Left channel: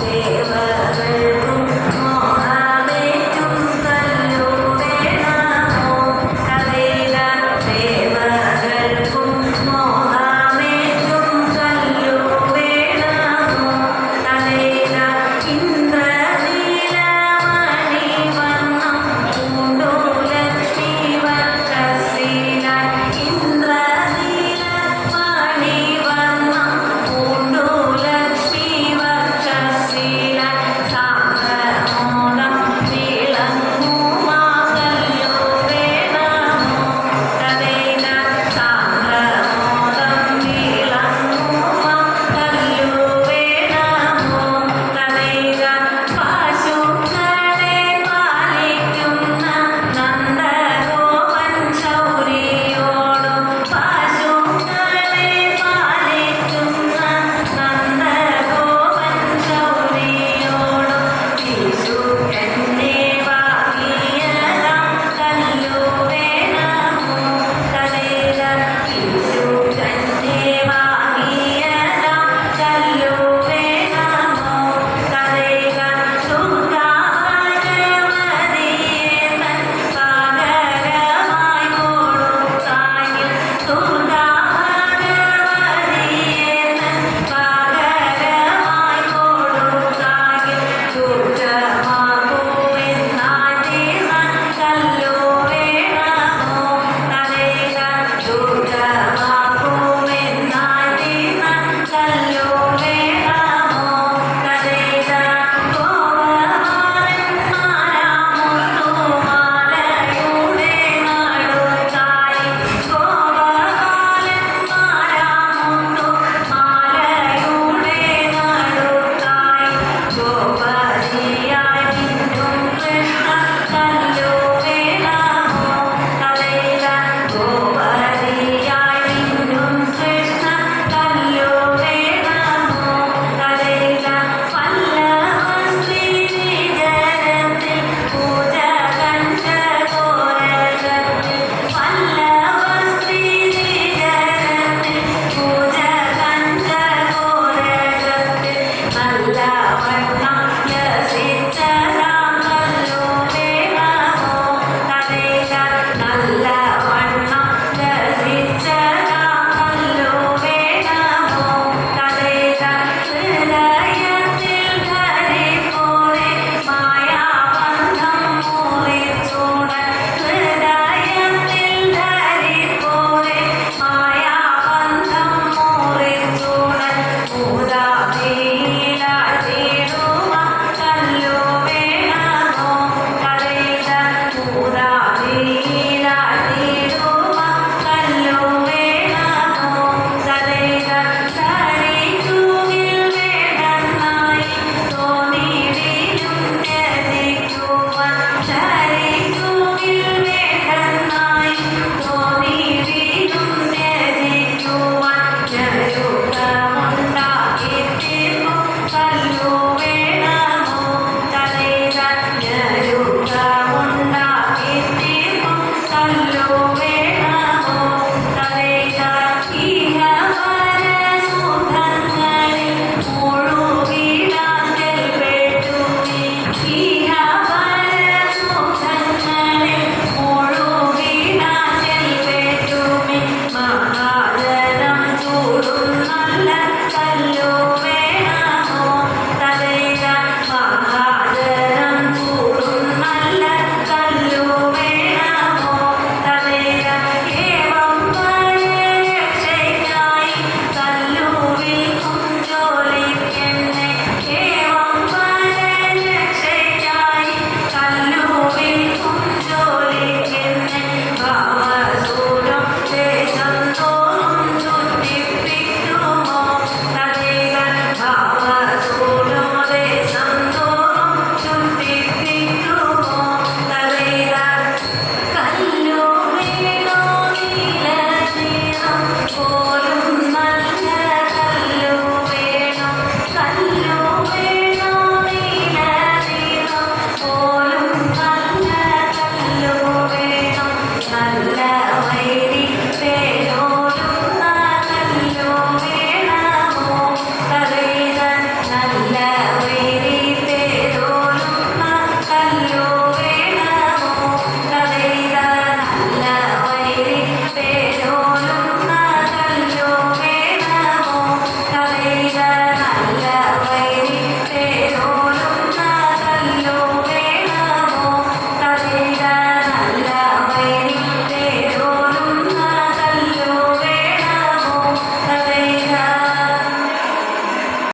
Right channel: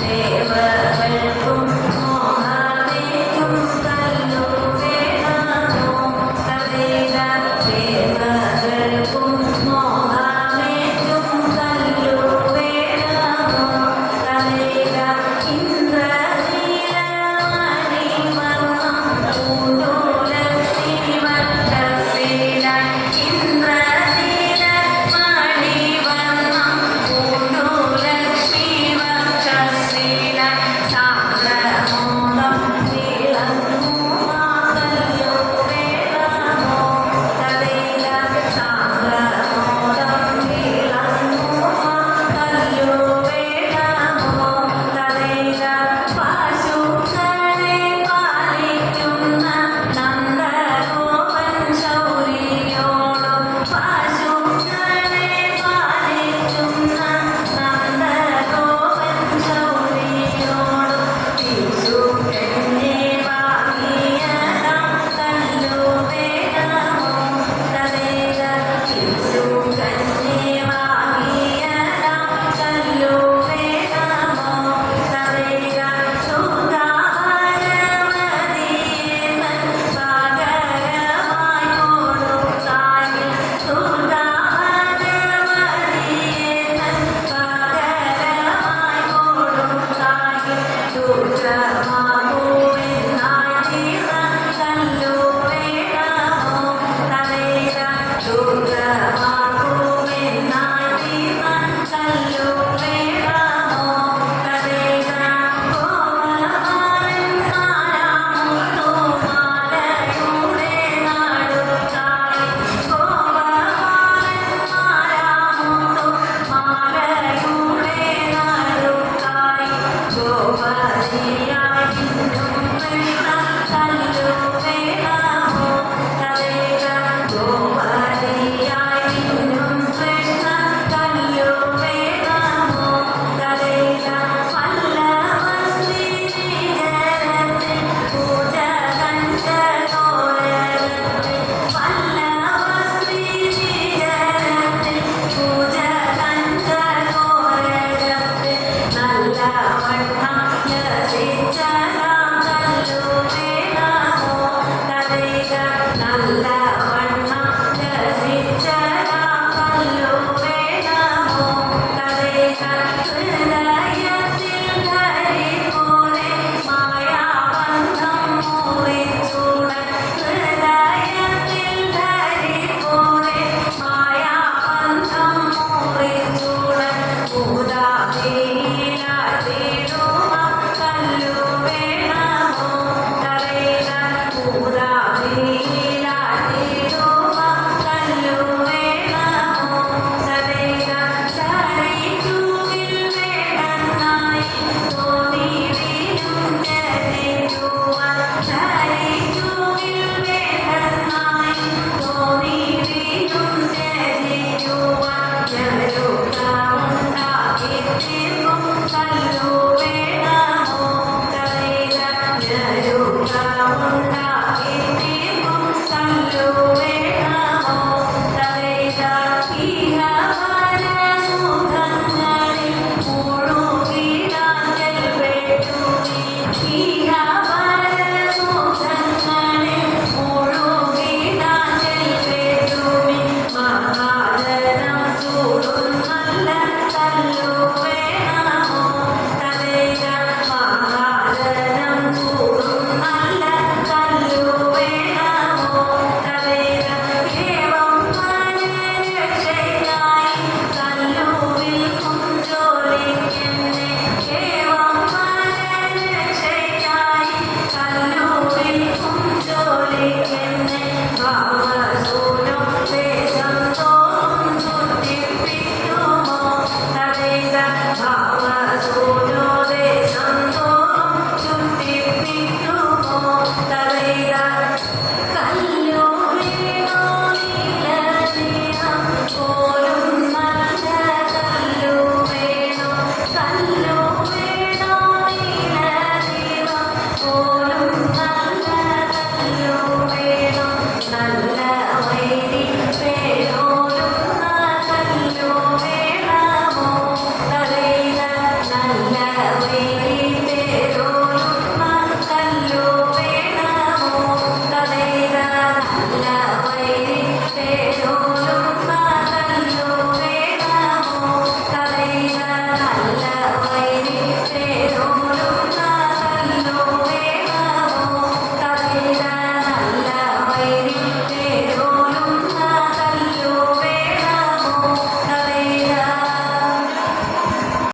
Gracias. Buddha.